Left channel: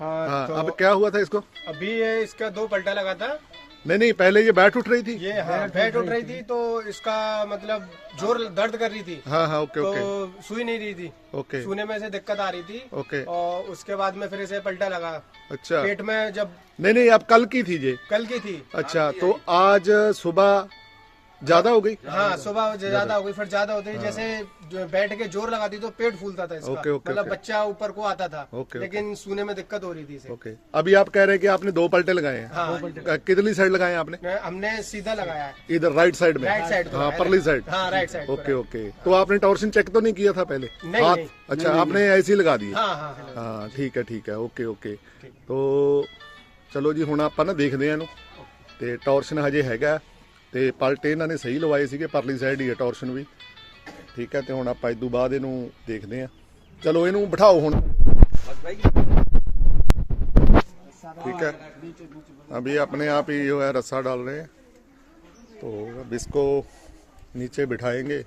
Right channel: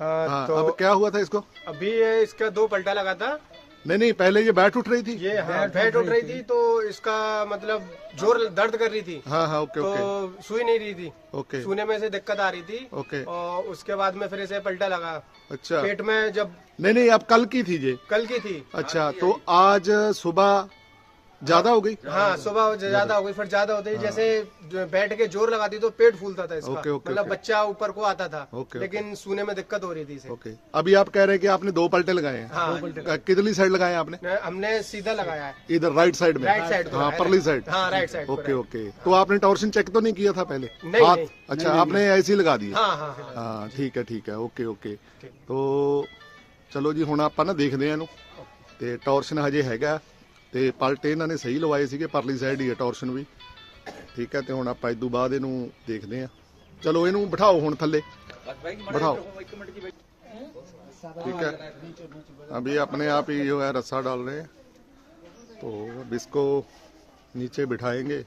हाँ, हाँ तो अब क्या हुआ था इसको? अभी ये इसका दो पलटा लगा था। नहीं नहीं पहले ये बैठ उठ रही थी। ये हाँ, बैठ उठ रही थी। तो इसका मतलब ज़ोर दर्द कर रही थी। हाँ हाँ ओके तो ओके। तो सुई नहीं रही थी। ओके। सुने में से दिक्कत आ रही थी। ओके। और उसके बाद में फिर इसे पलटा लगा। अच्छा। पेट में जब नहीं नहीं अब कल की थी ये। कल की थी। अच्छा तो आज सुबह ज्यादा हो गई हाँ सुबह ज्यादा हो गई फिर ज्यादा होती जैसे जो बैठ के जोर लगाती तो पेट फूलता था इसका ओके, ओके, मतलब ओके। बच्चा ऊपर को आता था ओके, लेकिन सुने में दिक्कत हो रही थी इसे ओके अभी आप कह रहे हैं कि आपने दो पलटे लगाए हैं हाँ कितनी साइड लगाए हैं आपने मैं- हमने सीधा लगाया है इधर राइट साइड में राइट साइड हाँ परली साइड हाँ राइट साइड ओके ओके तो आपने टॉर्शन चेक तो नहीं किया था पहले नहीं, हाथ नहीं, अच्छा आपने ऐसे ही लगा दिए हाँ हाँ हाँ। ਹਾਂ ਠੀਕ ਹੈ ਠੀਕ ਹੈ ਓਕੇ ਓਕੇ ਤੋ ਚਲੋ ਜੀ ਹੁਣ ਆਪਾਂ ਨਾ ਦੇਖਦੇ ਆ ਇਹਨੂੰ ਤੇ ਟੌਰਸ਼ਨ ਹਜੇ ਹੈਗਾ ਤੇ ਪਲਟੇ ਇਹਨਾਂ ਨੇ ਸਹੀ ਲਵਾਏ ਸੀਗੇ ਪਰਲੀ ਸਾਈਡ ਹੀ ਹੈ ਟੌਰਸ਼ਨ ਵੀ ਠੀਕ ਹੈ ਤੇ ਹੁਣ ਆਪਾਂ ਇਦੋਂ ਬਾਅਦ ਇਹਨੂੰ ਦੇਖਦੇ ਆ ਚਲੋ ਇਹਨੂੰ ਬਿਠਾਓ ਹੁਣ ਥੱਲੇ ਬਿਠਾਓ ठीक है अभी अपने आप ही जो है रस्सा डाल रहे हैं तो अब इसको नीचे बिठाएंगे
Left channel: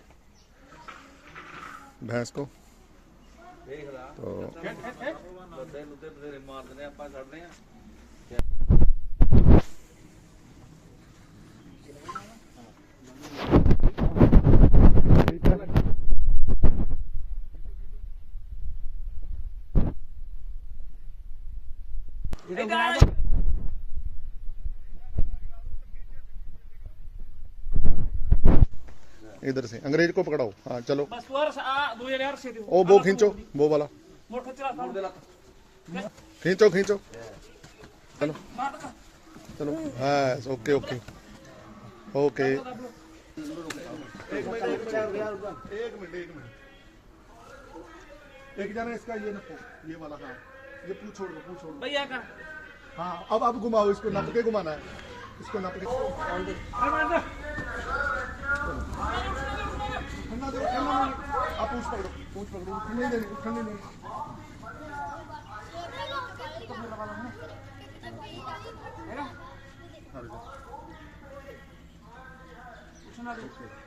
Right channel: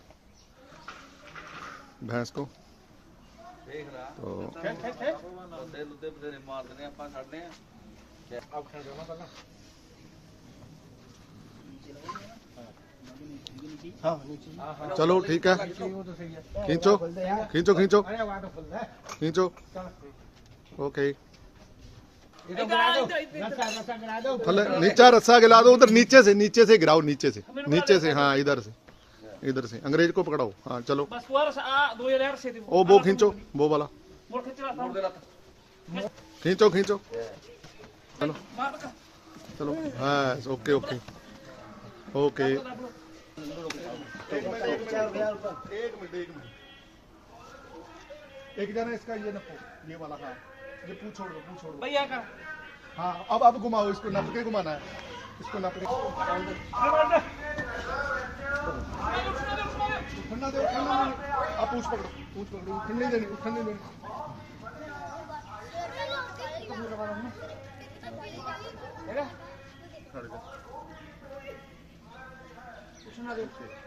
भैंस को तो चलो, ठीक है। खींचो खींचो खींचो। खींचो। ओके। नीचा रस्सा गिला दो, उधर नीचे से नीचे से गिराओ, नीचे से। नीचे से हाँ इधर इधर से। अंग्रेज़ को पकड़ाओ। हाँ चलो। ओ, वो खींचो, वो वाला। खींचो खींचो। चलो। चलो। हाँ ओके ओके। ओके। एक जाना इसका ये नपो ये वाला हाँ ये पूछो दो दो भैया का हाँ अब अब घुमाओ इसको नपके घुमाना है इसको नप ठंडा दे ठंडा आप पूछ पकड़ो पूछ पकड़ो ठंडी देनी ठंडी देनी है ना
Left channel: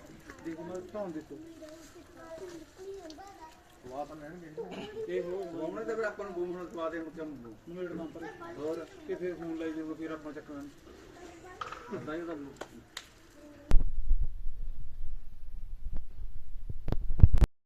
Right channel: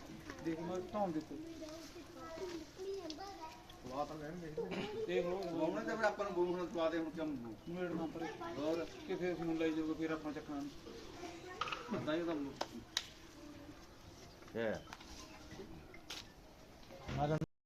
ਦੇਖ ਮੈਂ ਧੌਣ ਦਿੱਤੀ। ਦੇਖ ਲੋ ਉਹਨੇ ਤਾਂ ਫਿਰ ਆਪਾਂ ਨੂੰ ਬੂਮ ਨੂੰ ਪਾ ਦੇ ਹੁਣ ਕੰਮ ਮੇਰਾ ਨੰਬਰ ਹੋਰ? ਕਿ ਫਿਰ ਫੋਨ ਲਾਈ ਜਾਊਗਾ ਫਿਰ ਆਪਾਂ ਚੱਕਣਾ ਤਾਂ ਹੀ ਕੰਮ ਹੈ।